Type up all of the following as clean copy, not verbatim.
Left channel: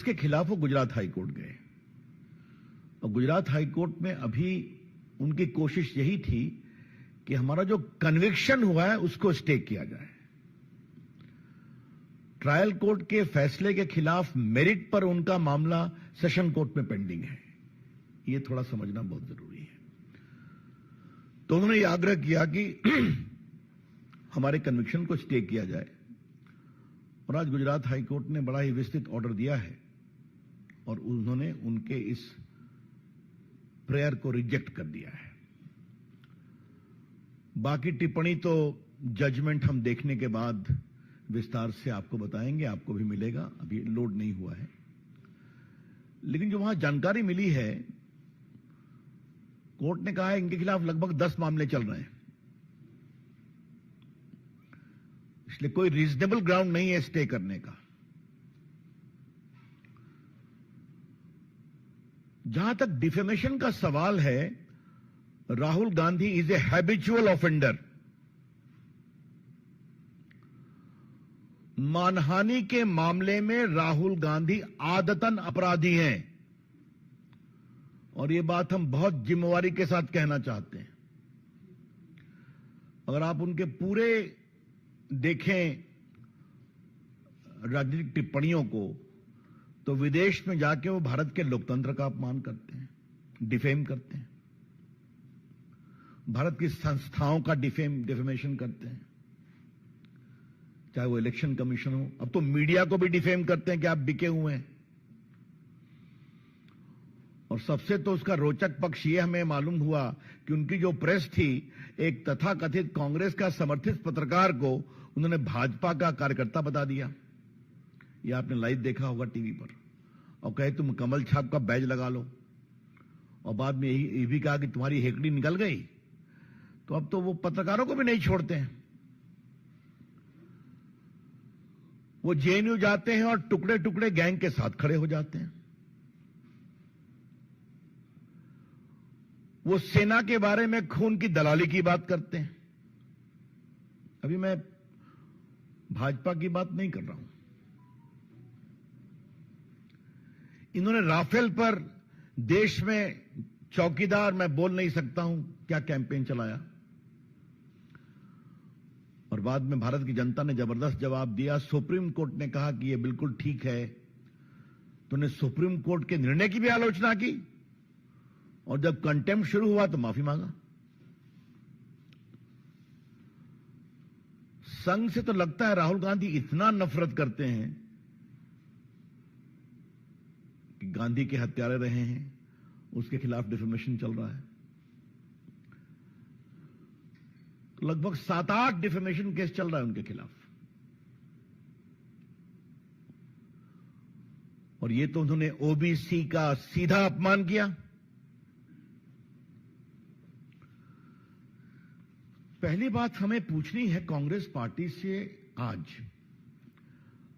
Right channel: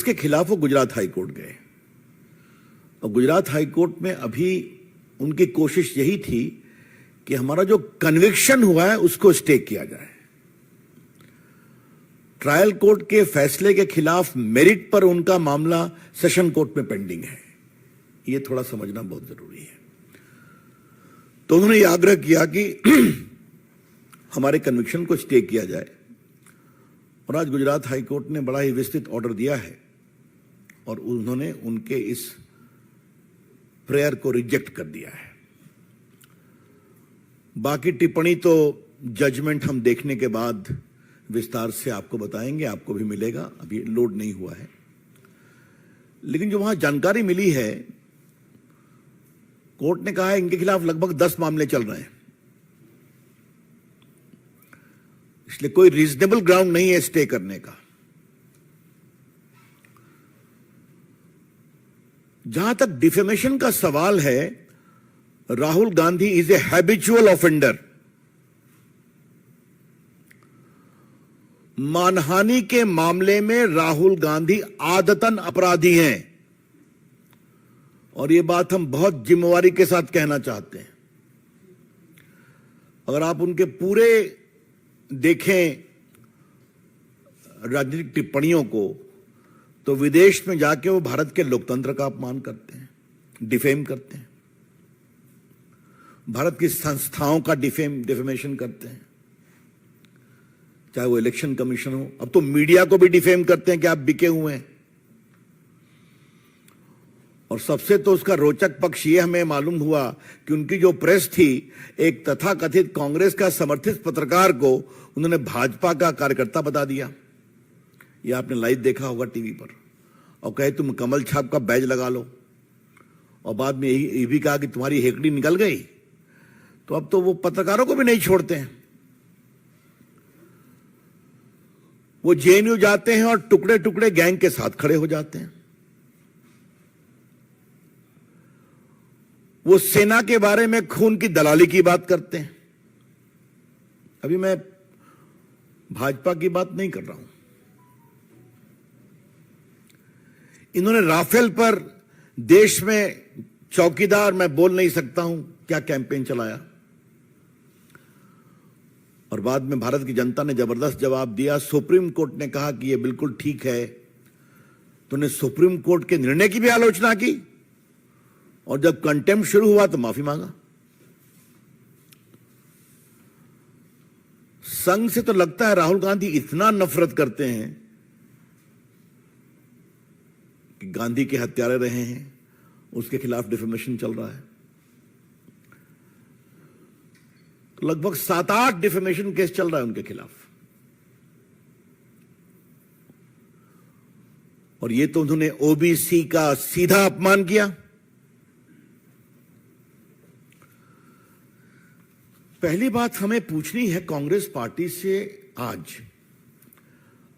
इसके खिलाफ वो गुजरात हाई कोर्ट गए और गुजरात हाई कोर्ट में अभी उनकी कोशिश यही थी कि हमारा जो कन्विक्शन हुआ है उसको स्टे किया जाए। ट्रायल कोर्ट के फैसले के खिलाफ मेरिट पर उनका मामला सेशन कोर्ट में पेंडिंग है। यह थोड़ा समझना बहुत जरूरी है। तो उन्होंने यह आग्रह किया कि हमारे कन्विक्शन को स्टे किया जाए और आज गुजरात हाई कोर्ट ने बड़ा ही विस्तृत ऑर्डर दिया है और उन्होंने उनके इस प्रेयर को रिजेक्ट कर दिया है। बाकी टिप्पणी तो जजमेंट हम देखने के बाद विस्तार से आपको बताएंगे, आपको भी मिलेगा, अभी लोड नहीं हुआ है। लेकिन जो वहां जानकारी मिली है, कोर्ट ने कहा है इनके खिलाफ लगभग 10 मामले चल रहे हैं, इसलिए कोई रीजनेबल ग्राउंड नहीं है स्टे करने का। जहां तक डिफेमेशन का सवाल है, Rahul Gandhi is a habitual offender. मानहानि के मामले में राहुल गांधी आदतन अपराधी हैं और यह बात हम बहुत जिम्मेवारी के साथ कहना चाहते हैं। अगर आप उनके पूरे देखें राजनीतिक टिप्पणियों को, तो विदेश में जाके वो भारत के लोकतंत्र का अपमान करते हैं, डिफेम करते हैं, भारत की संस्थाओं का डिफेमेशन करते हैं, चाहे वो इलेक्शन कमीशन हो। अब तो मीडिया को भी डिफेम करते हैं कि आप बिके हुए हैं। और सबसे तो उसका रोचक पक्ष ये हमें मालूम हुआ कि उनकी जो प्रेस थी, एक तथाकथित कांग्रेस का समर्थित पत्रकार को उन्होंने भाजपा का कार्यकर्ता बता दिया। ये आपने लाइव देखा होगा टीवी पर। और कहे तुम कमल छाप का बैज लगा लो, और बाद में ये भी कहा कि तुम्हारी हेकड़ी निकल गई। तो अब तो वो पत्रकारों को भी नहीं छोड़ते हैं। वो जेएनयू जाते हैं और टुकड़े टुकड़े गैंग के साथ खड़े हो जाते हैं। वो सेना के बारे में खून की दलाली की बात करते हैं। अभी मैं भाजपा की बात नहीं कर रहा हूं। इन्होंने राफेल पर देश में चौकीदार मैं बोल नहीं सकता हूं क्या कैंपेन चलाया, और बाद में भारत की जनता ने जबरदस्त जवाब दिया। सुप्रीम कोर्ट ने कहा कि यह बिल्कुल ठीक है, तो उन्होंने सुप्रीम कोर्ट के निर्णय की भी आलोचना की, और जब कंटेम्प्ट शुरू हुआ तो माफी मांगा। संघ से तो लगता है राहुल गांधी इतना नफरत करते हैं कि गांधी के हत्यारे रहे हैं, उसके खिलाफ डिफेमेशन चल रहा है। तो लगभग 7-8 डिफेमेशन केस चल रहा है उनके खिलाफ। और ये तो उन्होंने ओबीसी का सीधा अपमान किया। पहली बात हमें पूछनी है कांग्रेस पार्टी से, आज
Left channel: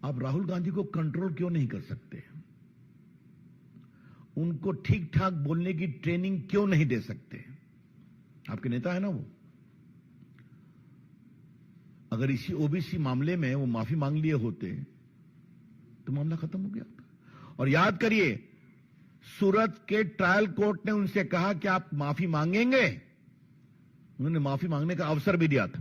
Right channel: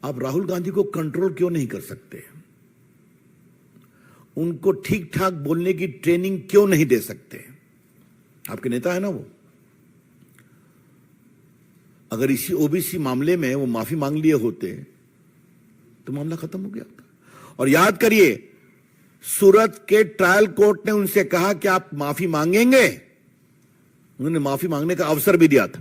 आप राहुल गांधी को कंट्रोल क्यों नहीं कर सकते? उनको ठीक ठाक बोलने की ट्रेनिंग क्यों नहीं दे सकते? आपके नेता है ना वो। अगर इसी ओबीसी मामले में वो माफी मांग लिए होते तो मामला खत्म हो गया होता। और याद करिए, सूरत के ट्रायल कोर्ट ने उनसे कहा कि आप माफी मांगेंगे। उन्होंने माफी मांगने का अवसर भी दिया था।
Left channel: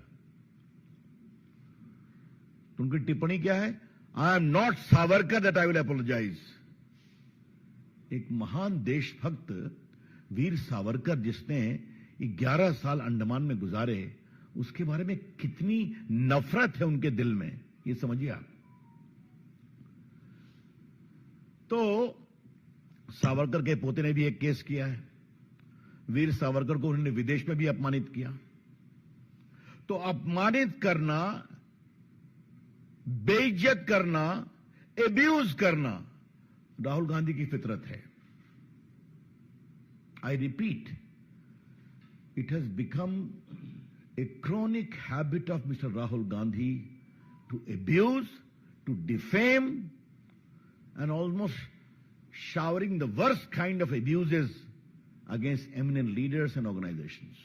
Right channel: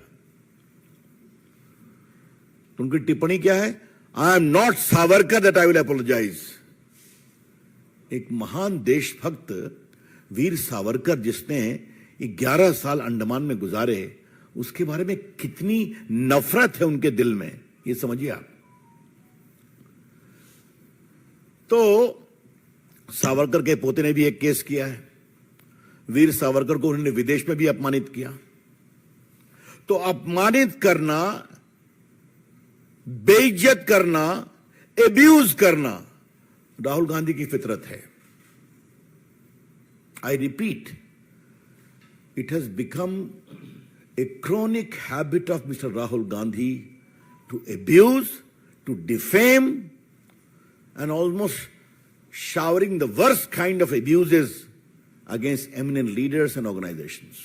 उनकी टिप्पणी क्या है? I am not Savarkar that I will apologise. एक महान देशभक्त वीर सावरकर, जिसने 11 साल अंडमान में गुजारे, उसके बारे में कितनी नफरत है उनके दिल में, ये समझिए आप। तो सावरकर के पोते ने भी एक केस किया है। वीर सावरकर को उन्होंने विदेश में भी अपमानित किया। तो अपमानित करना, बेइज्जत करना, एब्यूज करना राहुल गांधी की फितरत है। I repeat, it has become a chronic habit of Mr. Rahul Gandhi to abuse, to defame, and almost showering the worst kind of abuses against eminent leaders and organizations.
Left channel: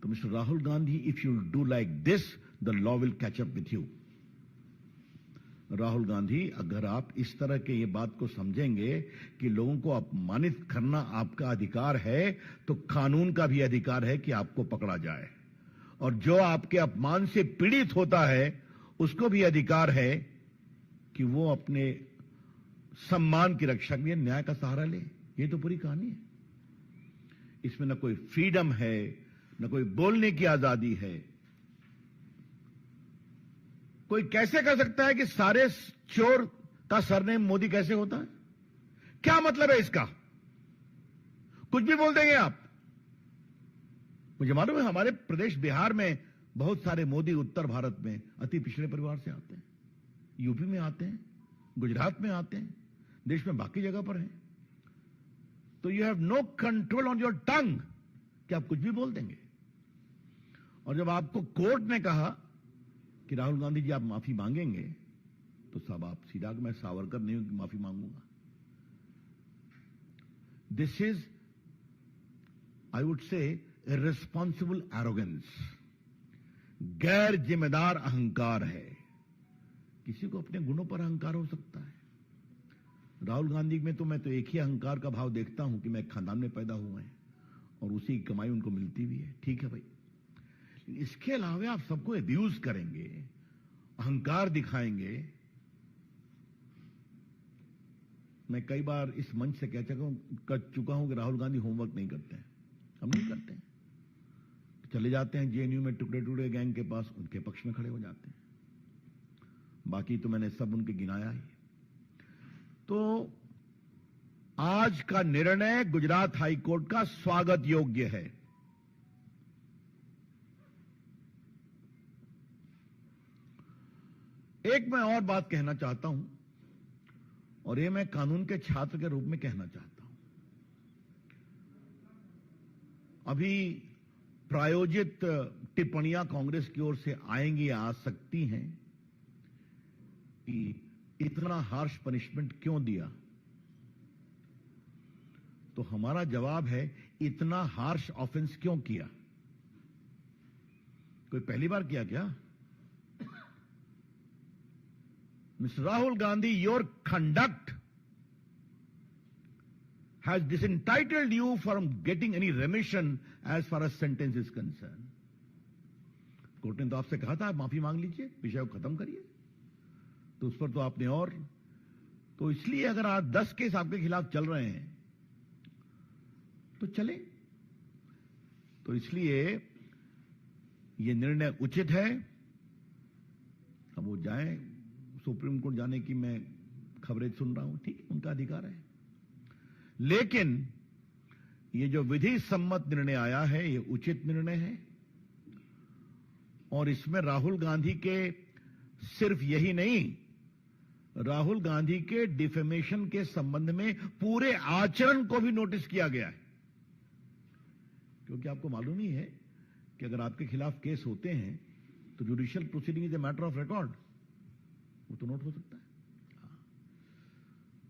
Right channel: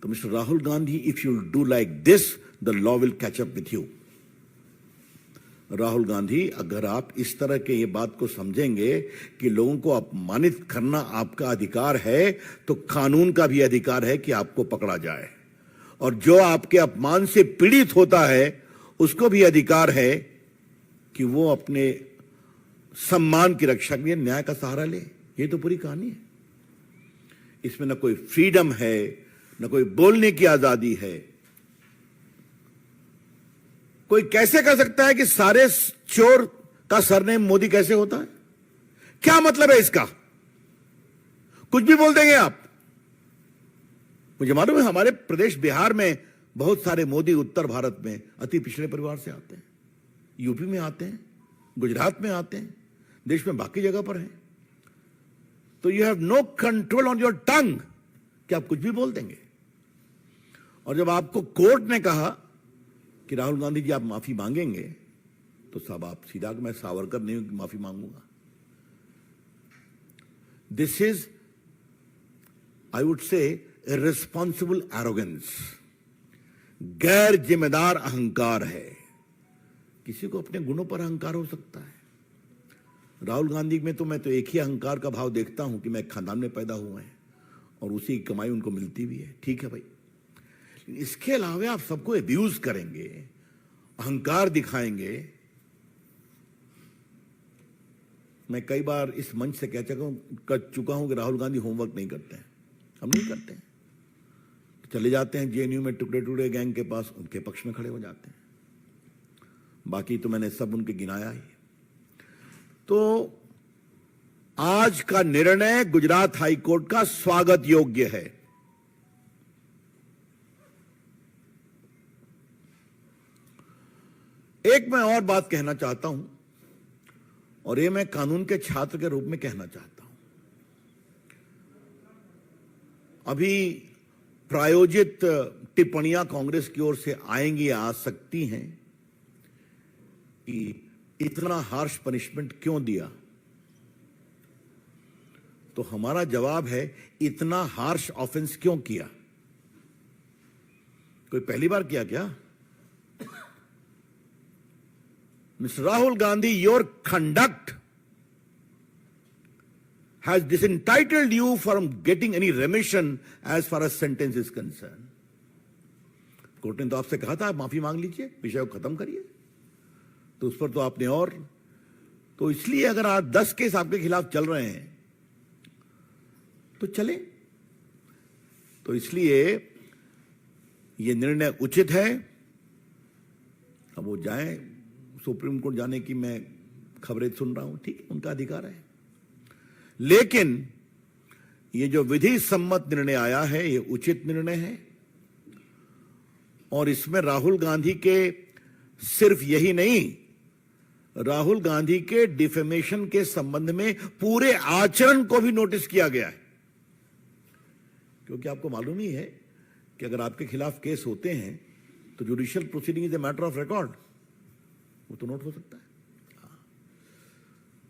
So Mr. Rahul Gandhi, if you do like this, the law will catch up with you. Rahul Gandhi, अगर आप इस तरह के ये बात को समझेंगे कि लोगों को अपमानित करना आपका अधिकार है, तो कानून का भी अधिकार है कि आपको पकड़ा जाए, और जो आपके अपमान से पीड़ित होता है उसको भी अधिकार है कि वो अपने सम्मान की रक्षा के लिए न्याय का सहारा ले। ये तो पूरी कहानी है। इसमें न कोई फ्रीडम है, न कोई बोलने की आजादी है। कोई कैसे कह सकता है कि सारे चोर का सरनेम मोदी कैसे होता है? क्या मतलब है इसका? कुछ भी बोल देंगे आप। मुझे मालूम है हमारे प्रदेश बिहार में बहुत सारे मोदी उत्तर भारत में अति पिछड़े परिवार से आते हैं, यूपी में आते हैं, गुजरात में आते हैं, देश में बाकी जगह पर हैं। तो you have no control on your tongue कि आप कुछ भी बोल देंगे। और जब आपको कोर्ट ने कहा कि राहुल गांधी जी आप माफी मांगेंगे, तो साहब आप सीधा, मैं सावरकर नहीं हूं कि माफी मांगूंगा। This is, I would say, irresponsible arrogance, गैर जिम्मेदार अहंकार है। किसी को अपने गुणों पर अहंकार हो सकता है। राहुल गांधी में तो मैं तो एक ही अहंकार का भाव देखता हूं कि मैं खानदान में पैदा हुए हैं और उसी की कमाई उनको मिलती भी है। ठीक है भाई, इसके अलावा आप सबको अब्यूज करेंगे, अहंकार दिखाएंगे। मैं कई बार इस मंच से कह चुका हूं कि राहुल गांधी होमवर्क नहीं करते हैं। हम नहीं करते हैं, चले जाते हैं जेएनयू में टुकड़े टुकड़े गैंग के पास, उनके पक्ष में खड़े हो जाते हैं। बाकी तो मैंने सब उनके गिनाया ही। तो आज का निर्णय गुजरात हाईकोर्ट का स्वागत योग्य है। एक मैं और बात कहना चाहता हूं, और ये मैं कानून के छात्र के रूप में कहना चाहता हूं। अभी प्रायोजित टिप्पणियां कांग्रेस की ओर से आएंगी, आ सकती हैं कि इतना हार्श पनिशमेंट क्यों दिया। तो हमारा जवाब है, इतना हार्श ऑफेंस क्यों किया? कोई पहली बार किया क्या? Mr. Rahul Gandhi, your conduct has disentitled you from getting any remission as far as sentence is concerned. Court ने तो आपसे कहा था आप माफी मांग लीजिए, विषय को खत्म करिए, तो उस पर तो आपने और, तो इसलिए अगर आज 10 केस आपके खिलाफ चल रहे हैं तो चले। तो इसलिए ये निर्णय उचित है। अब वो जाएं, सुप्रीम कोर्ट जाने की मैं खबरें सुन रहा हूं, ठीक है, उनका अधिकार है। लेकिन ये जो विधि सम्मत निर्णय आया है, ये उचित निर्णय है। और इसमें राहुल गांधी के सिर्फ यही नहीं, राहुल गांधी के डिफेमेशन के संबंध में पूरे आचरण को भी नोटिस किया गया है। क्योंकि आपको मालूम ही है कि अगर आपके खिलाफ केस होते हैं तो judicial proceeding is a matter of record, वो तो नोट हो सकता है।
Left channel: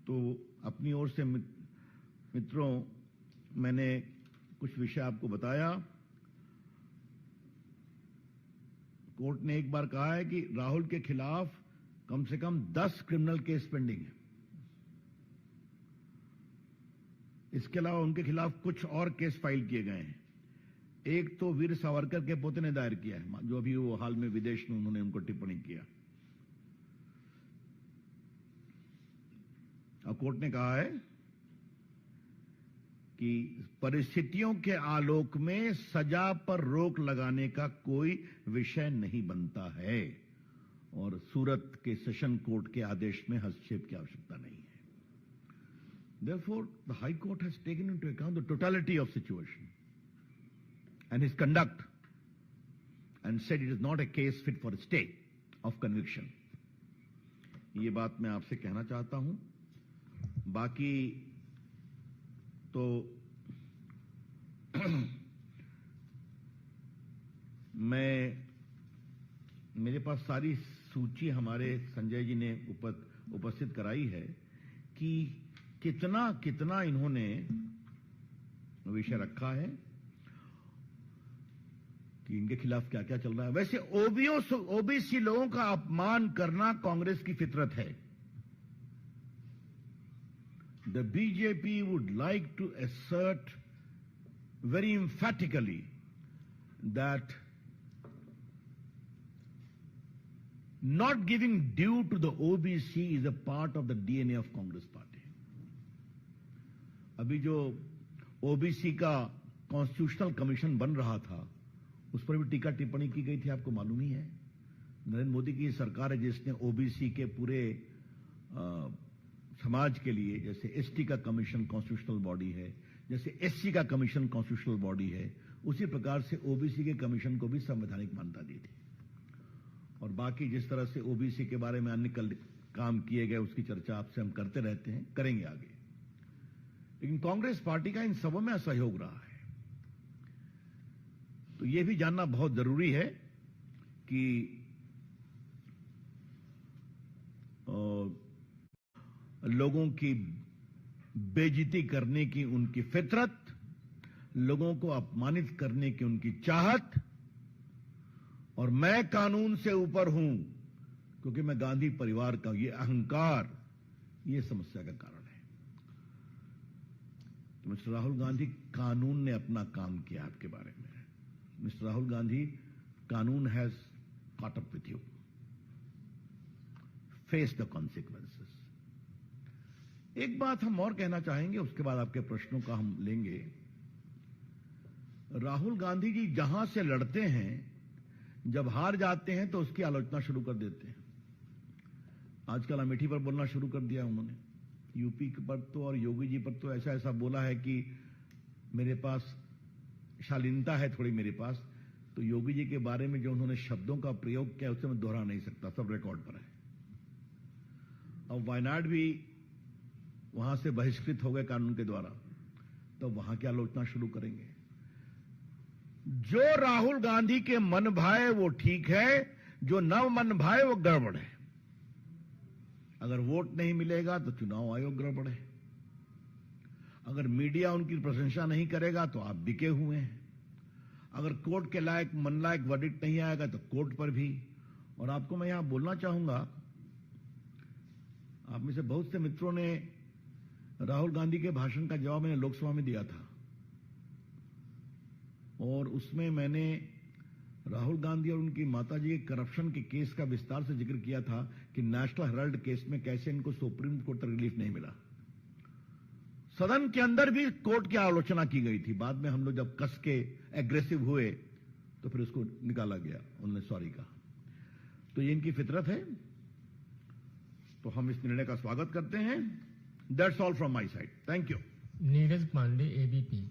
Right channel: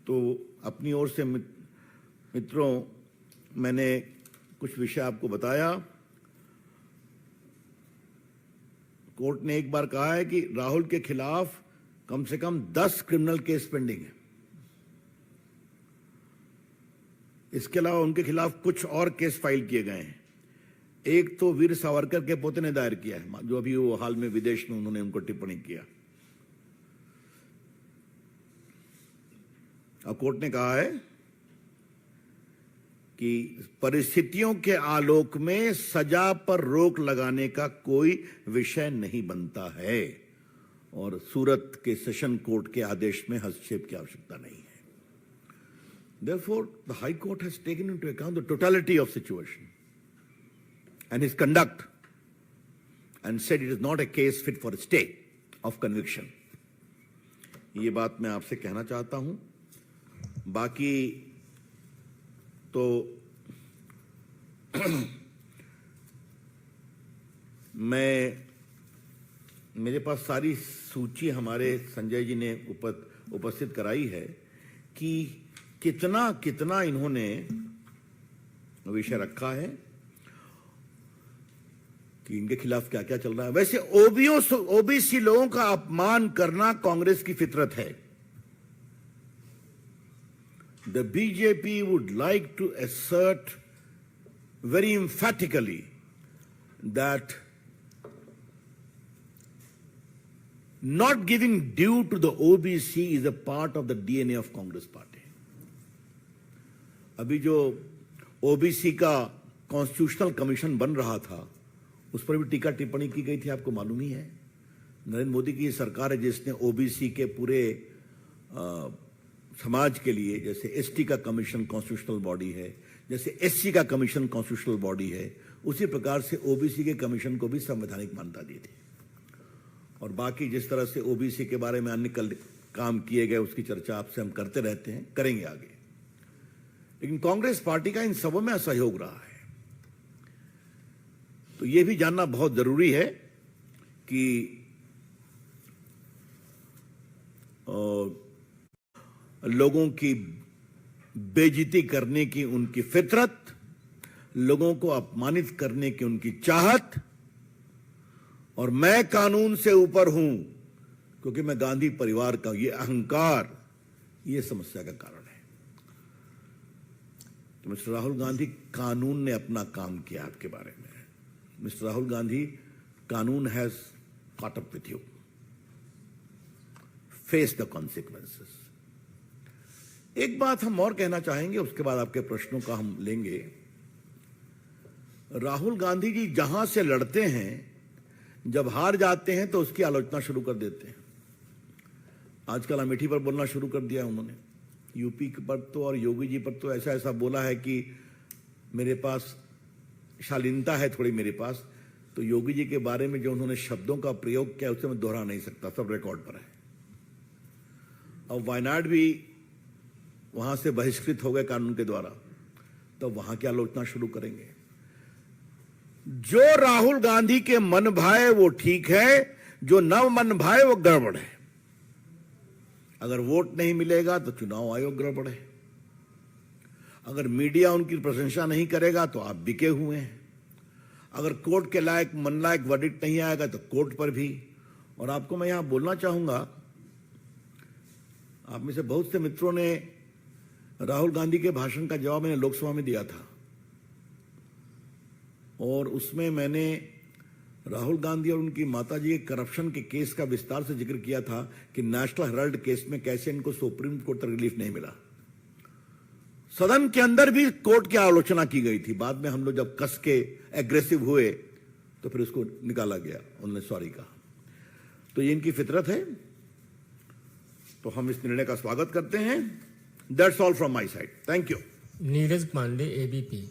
तो अपनी ओर से मित्रों, मैंने कुछ विषय आपको बताया। कोर्ट ने एक बार कहा है कि राहुल के खिलाफ कम से कम 10 क्रिमिनल केस पेंडिंग है। इसके अलावा उनके खिलाफ कुछ और केस फाइल किए गए हैं। एक तो वीर सावरकर के पोते ने दायर किया है, जो अभी वो हाल में विदेश में उन्होंने उनको टिप्पणी किया। अब कोर्ट ने कहा है कि परिस्थितियों के आलोक में सजा पर रोक लगाने का कोई विषय नहीं बनता है और सूरत के सेशन कोर्ट के आदेश में हस्तक्षेप की आवश्यकता नहीं है। Therefore, the High Court has taken into account the totality of situation and his conduct and said it is not a case fit for a stay of conviction. ये बात मैं आपसे कहना चाहता हूं। बाकी तो मेरे पास सारी सूची हमारे संजय जी ने उपस्थित कराई है कि कितना कितना इन्होंने विषय रखा है। कि इनके खिलाफ क्या क्या चल रहा है। वैसे ओबीसी लोगों का अपमान करना कांग्रेस की फितरत है। The BJP would like to assert very emphatically that not giving due to the OBC is a part of the DNA of Congress party. अभी जो ओबीसी का कॉन्स्टिट्यूशनल कमीशन बन रहा था, उस पर भी टीका टिप्पणी की गई थी, आपको मालूम ही है। नरेंद्र मोदी की सरकार है जिसने ओबीसी के पूरे समाज के लिए, जैसे एसटी का कमीशन कॉन्स्टिट्यूशनल बॉडी है, जैसे एससी का कमीशन कॉन्स्टिट्यूशनल बॉडी है, उसी प्रकार से ओबीसी के कमीशन को भी संवैधानिक मान्यता दी थी। और बाकी जिस तरह से ओबीसी के बारे में अन्य काम किए गए उसकी चर्चा आपसे हम करते रहते हैं, करेंगे आगे। लेकिन कांग्रेस पार्टी का इन सबों में असहयोग रहा है। तो यह भी जानना बहुत जरूरी है कि लोगों की बेइज्जती करने की उनकी फितरत, लोगों को अपमानित करने की उनकी चाहत, और मैं कानून से ऊपर हूं क्योंकि मैं गांधी परिवार का, ये अहंकार, ये समस्या का कारण है। तो मिस्टर राहुल गांधी, कानून ने अपना काम किया आपके बारे में। मिस्टर राहुल गांधी, कानून has caught up with you. Face the consequences. एक बात हम और कहना चाहेंगे, उसके बाद आपके प्रश्नों का हम लेंगे। राहुल गांधी जी जहां से लड़ते हैं, जब हार जाते हैं तो उसकी आलोचना शुरू कर देते हैं। आजकल अमेठी पर बोलना शुरू कर दिया उन्होंने। यूपी पर तो और योगी जी पर तो ऐसा ऐसा बोला है कि मेरे पास शालीनता है थोड़ी मेरे पास। तो योगी जी के बारे में जो उन्होंने शब्दों का प्रयोग किया उसे मैं दोहरा नहीं सकता, सब रिकॉर्ड पर है। और वायनाड भी वहां से बहिष्कृत हो गए कानून के द्वारा, तो वहां की आलोचना शुरू करेंगे। जो राहुल गांधी के मन भाए वो ठीक है, जो न मन भाए वो गड़बड़ है। अगर वोट नहीं मिलेगा तो चुनाव आयोग गड़बड़ है। अगर मीडिया उनकी प्रशंसा नहीं करेगा तो आप बिके हुए हैं। अगर कोर्ट के लायक मन लायक वर्डिक्ट नहीं आएगा तो कोर्ट पर भी। और आपको मैं यहां बोलना चाहूंगा, आप में से बहुत से मित्रों ने राहुल गांधी के भाषण का जवाब मैंने लोकसभा में दिया था, और उसमें मैंने राहुल गांधी और उनकी माताजी के करप्शन के केस का विस्तार से जिक्र किया था कि नेशनल हेराल्ड केस में कैसे इनको सुप्रीम कोर्ट तक रिलीफ नहीं मिला। सदन के अंदर भी कोर्ट की आलोचना की गई थी। बाद में हम लोग जब कस के एग्रेसिव हुए तो फिर उसको निकाला गया, उन्होंने सॉरी कहा। तो ये इनकी फितरत है, तो हम इस निर्णय का स्वागत करते हैं। That's all from my side, thank you. Neeraj Pandey, ABP.